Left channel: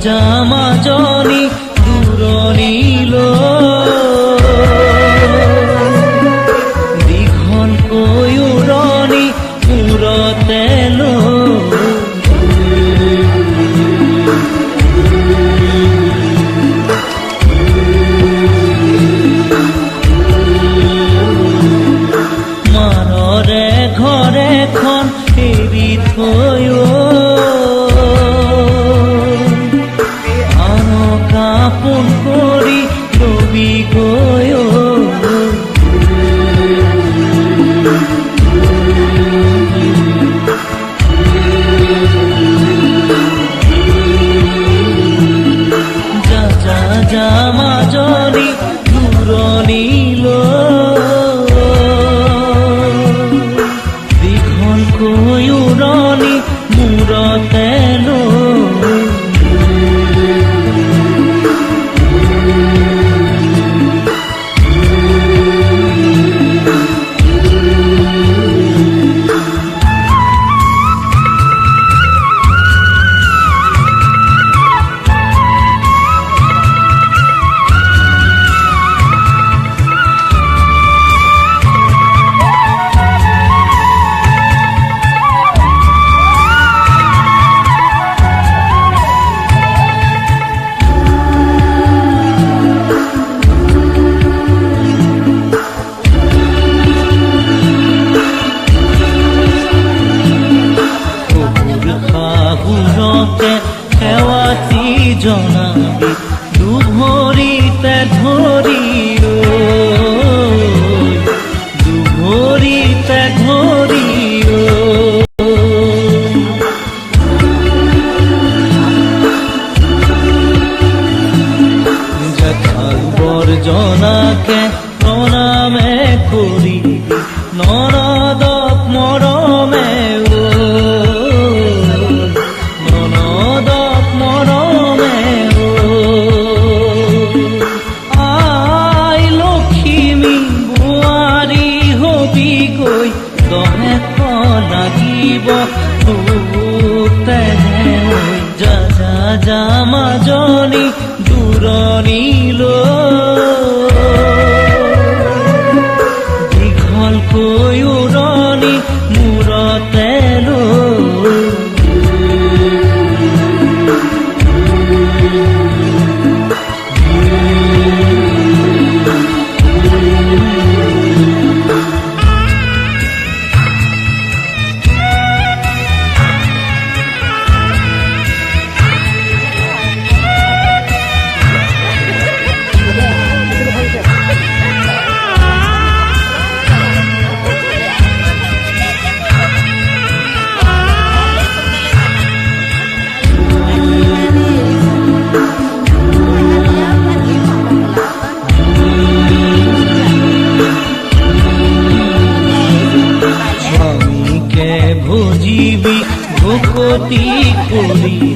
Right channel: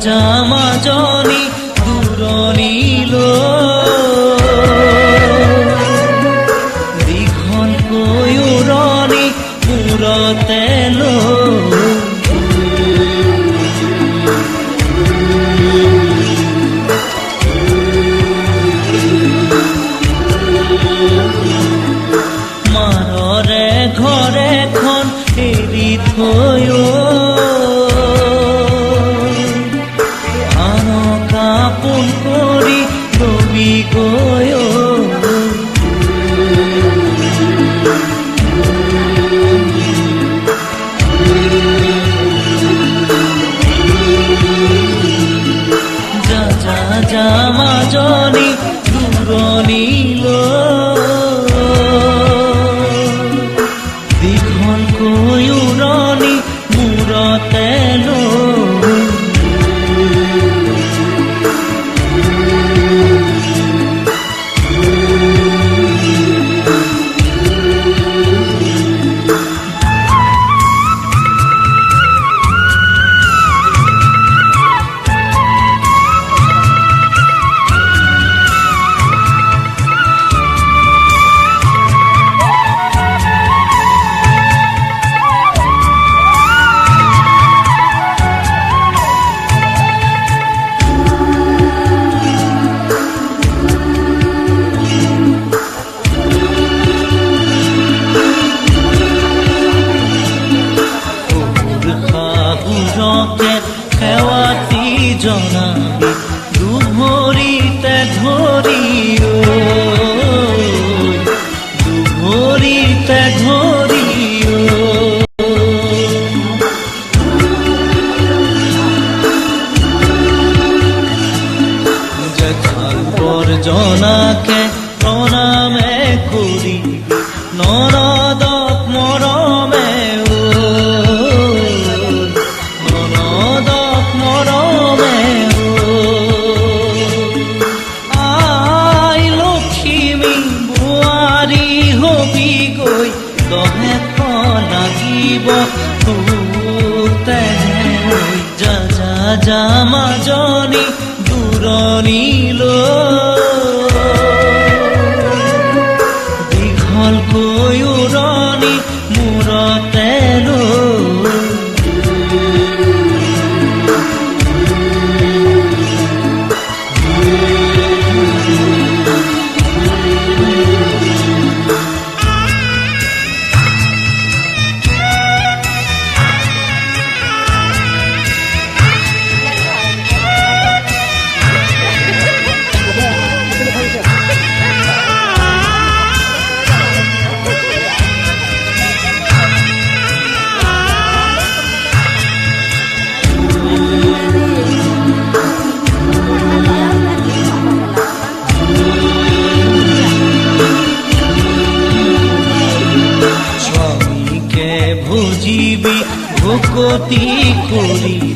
যা মাজনী দূৰণিলৈ দীঘলকৈ উৰণি মূৰতে লৈ মাৰৰে ঘৰখন এৰি থৈ আপোন কৰি দৌৰি গৈ যা যা যা মাজনী দূৰণিলৈ দীঘলকৈ উৰণি মূৰতে লৈ সেৱাটি জনাবি দুভৰিতে ধৰি দুভৰিতে ধৰি জেঠাই বৰজনাকে প্ৰণামে কৰি নৰদক মৰমে মৰমে আই লক্ষ্মী বোৱাৰী হবি গৈ দহে লাগিব যা যা যা মাজনী দূৰণিলৈ দীঘলকৈ উৰণি মূৰতে লৈ ভুজিবি ভকতি কৰি